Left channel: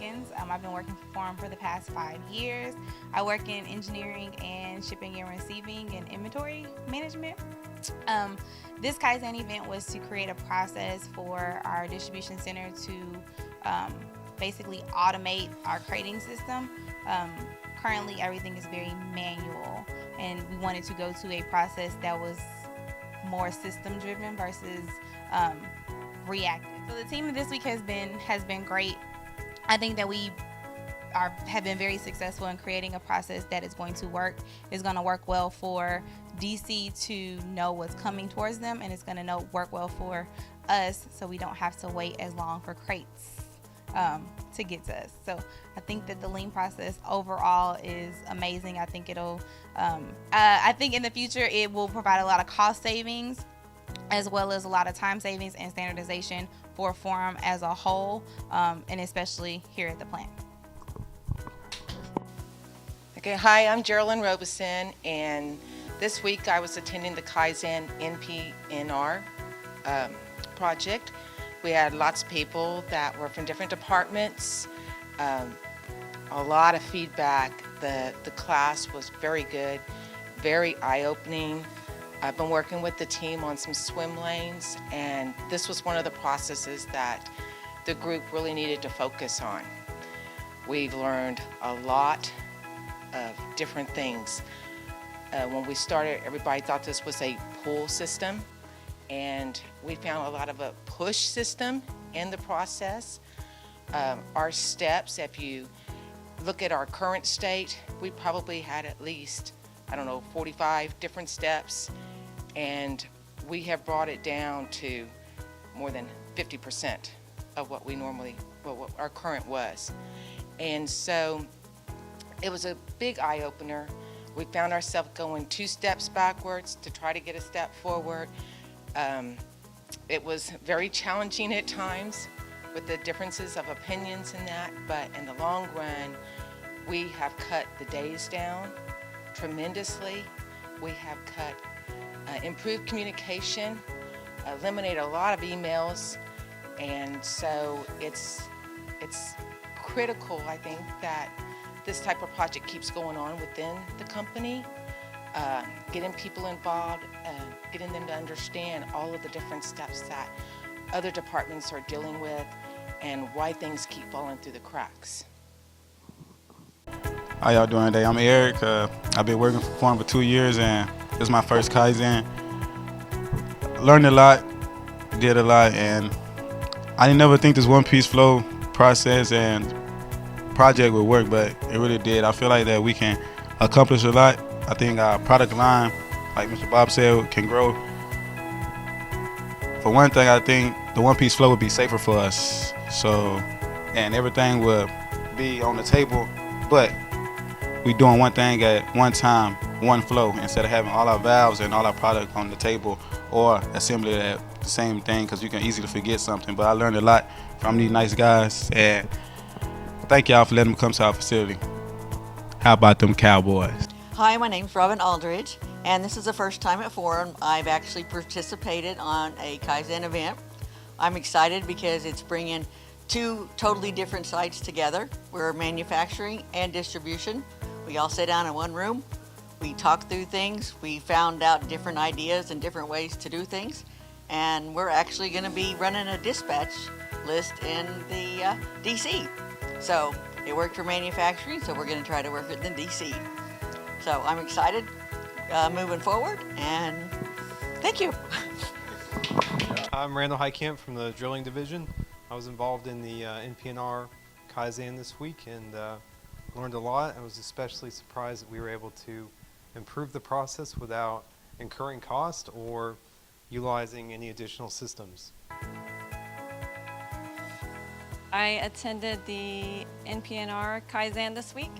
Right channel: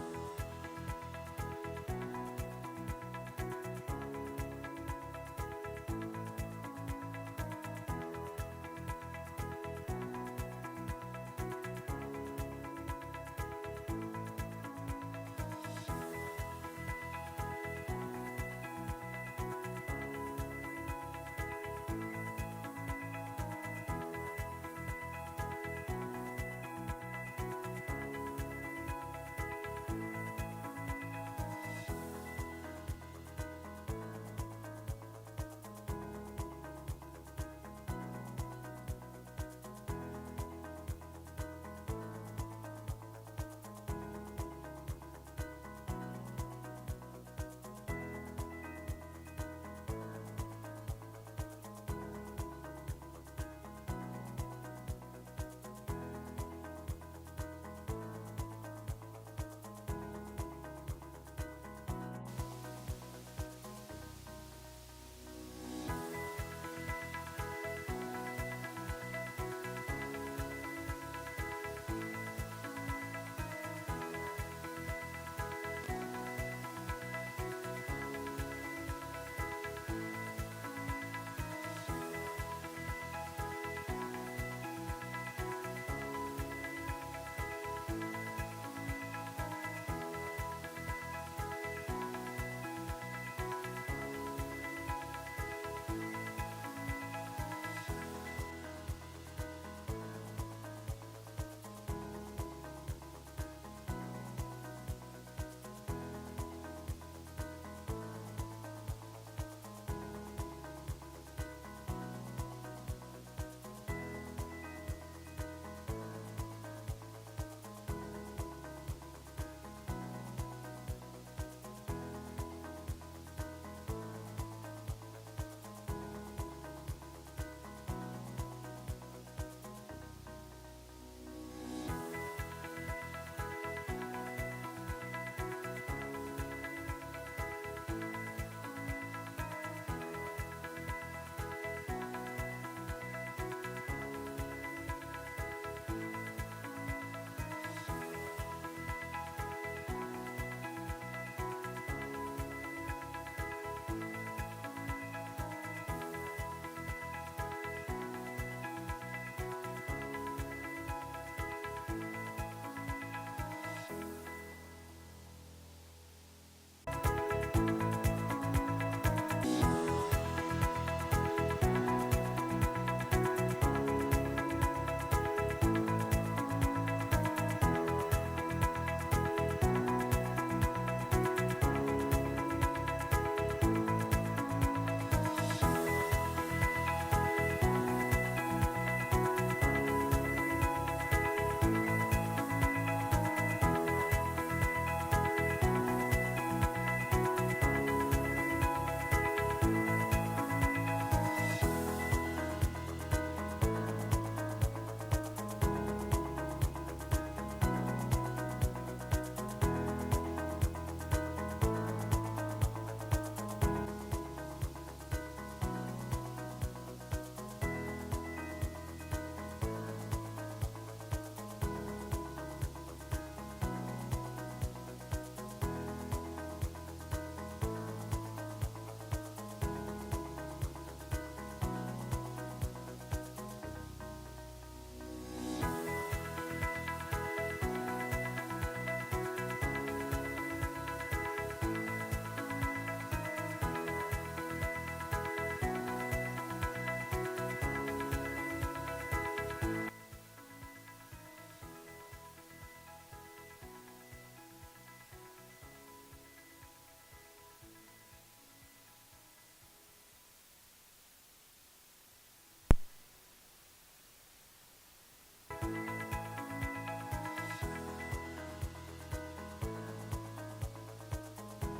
Higgins. I've been working for them for the past 5 years. I work in engineering and shipping and receiving and inventory management. Um, this Kaizen event was to create a process for our distribution center to basically automate our crating system. Um, Currently, everything is very manual, and we wanted to go to a process that was more system driven versus um, reactive. So the team this week has been great. I think that we have been very successful in creating a process that is going to work. Is going to work well for DC to know what's coming towards them, and it's going to work well for us, so we don't have to wait as long for crates to get to us. So I think that the lean process overall is amazing. I think I think in the future it will provide a lot of cost savings as well as a lot of time savings and standardization for Forum as a whole, and especially here at the plant. Okay, hi, I'm Geraldine Robeson, and this week I was attending the Kaizen NPNR project. We had lots of people that were from different departments, a lot of feedback. The class was very good, very eye-opening. I've been working with the team on some swim lanes, and this was one of the processes that the group really needed to focus on. We've learned a lot of different things. When we started, everybody thought this was a pull system, and we found a lot of a push system in the process. Our steps, if you look at our current state, we probably had at least, 45 different steps, and we have brought it down to more than 50% of what our current was. And so it was a big eye-opener. We found ourselves going 2 steps backwards to try to get a step forward. It was very challenging at times with the differences of opinions in that, but in the long run, we have cut the days down tremendously. We have improved communication, eliminated a lot of emails, and so it's critical, I think, that this type of project keeps going on within the company, getting people involved, getting them to understand all of the different steps that other departments are dealing with and why things keep falling through the cracks. How y'all doing today? I'm Eric. I've been working for Forum for 2 years, and this is my first Kaizen. Learned a lot, did a lot, and I didn't never think this one-piece flow process and project would work, but it really did. I feel like that we can accomplish a lot. I think our product line, like Mr. Bob said, can grow. For one thing, I think the one-piece flow would be safer for us. And everything would be on the table, but we doing one thing at one time, one flow, instead of having all our valves and all our product on the table or assembly that same thing, because you can easily forget something. But I learned a lot from these nice guys, and thank y'all for letting them come to our facility. How about them Cowboys? Hi, my name's Robin Aldridge, and this is the first time at Forum I've actually participated on a Kaizen event. I'm excited because it's bringing 2 totally different sites together. We're manufacturing and distribution. We all sit down in one room. We talk through things. We found out different ideas and different ways to do things. And we're actually going to be running a dispatch list in the DC. So it worked for manufacturing, so we're going to try to work it in DC. So I'm excited moving forward, and thank you. I'm Randall Heitkamp from the Drilling Division. I was involved in the NPNR Kaizen this week and learned a lot. I was especially surprised that we were able to improve the process without incurring cost or utilizing any additional systems. I attended the NPNR Kaizen this week,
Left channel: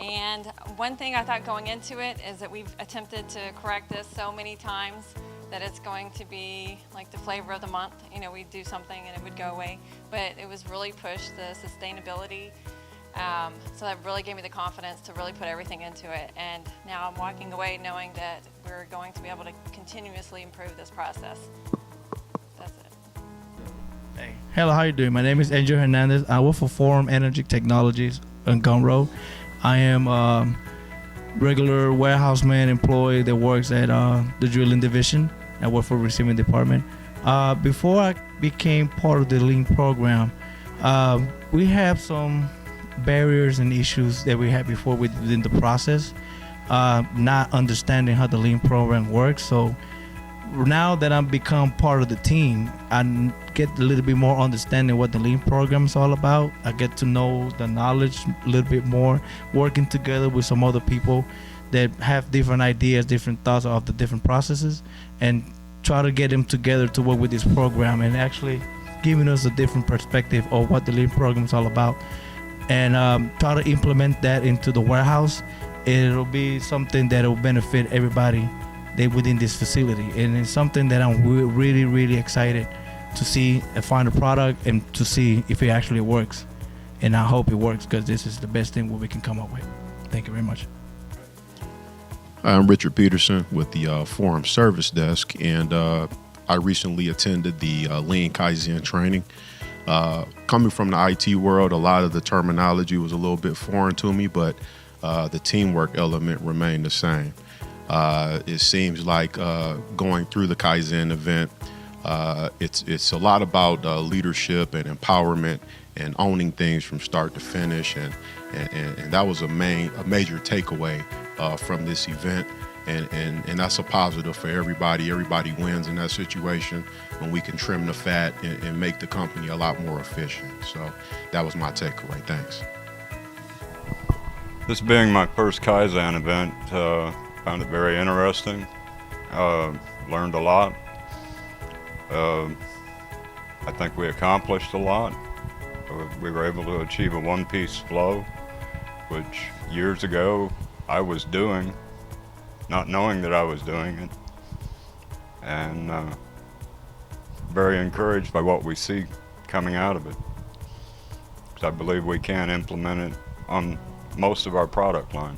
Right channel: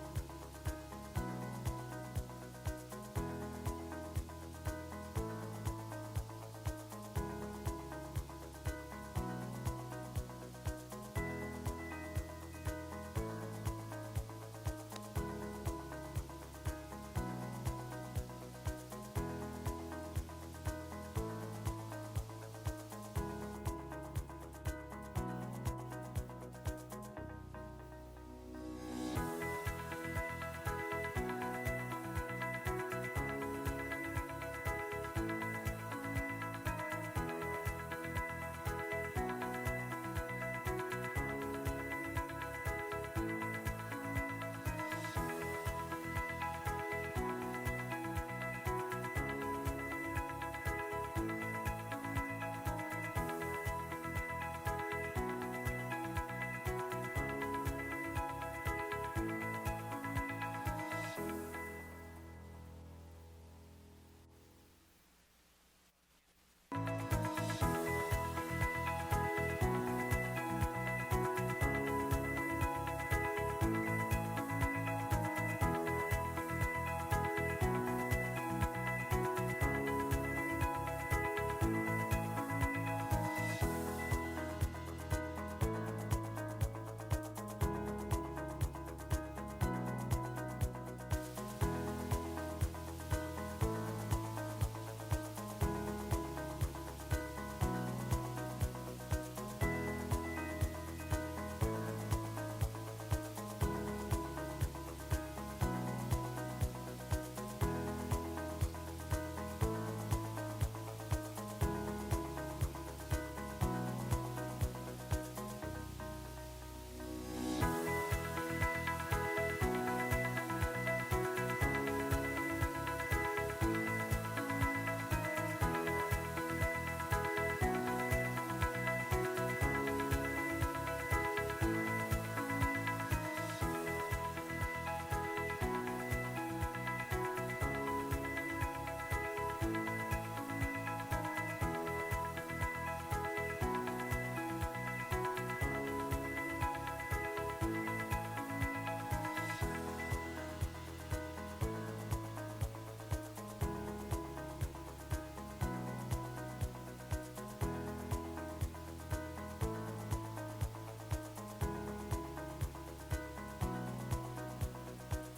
and one thing I thought going into it is that we've attempted to correct this so many times that it's going to be like the flavor of the month. You know, we'd do something and it would go away, but it was really pushed the sustainability. So that really gave me the confidence to really put everything into it, and now I'm walking away knowing that we're going to be able to continuously improve this process. That's it. Hey, Hello, how you doing? My name is Angel Hernandez. I work for Forum Energy Technologies in Conroe. I am a regular warehouse man employee that works at the drilling division. I work for receiving department. Before I became part of the Lean program, we have some barriers and issues that we had before within the process, not understanding how the Lean program works. So now that I've become part of the team, I get a little bit more understanding what the Lean program is all about. I get to know the knowledge a little bit more, working together with some other people that have different ideas, different thoughts of the different processes, and try to get them together to work with this program and actually giving us a different perspective of what the Lean program is all about. And try to implement that into the warehouse. It'll be something that will benefit everybody within this facility, and it's something that I'm really, really excited to see and find a product and to see if it actually works. And I hope it works, because this is the best thing what we can come up with. Thank you very much. I'm Richard Peterson with the Forum Service Desk, and I recently attended the Lean Kaizen training. Coming from the IT world, a lot of the terminology was a little bit foreign to me, but the teamwork element remained the same. It seems like going through the Kaizen event, it's a lot about leadership and empowerment and owning things from start to finish, and that was a major takeaway from this event, and that's a positive for everybody. Everybody wins in that situation when we can trim the fat and make the company a lot more efficient. So that was my takeaway. Thanks. This being my first Kaizen event, found it very interesting, learned a lot. I think we accomplished a lot. We were able to achieve a one-piece flow, which years ago I was doing, not knowing that I was doing it, and very encouraged by what we see coming out of it. I believe we can implement it on most of our product line.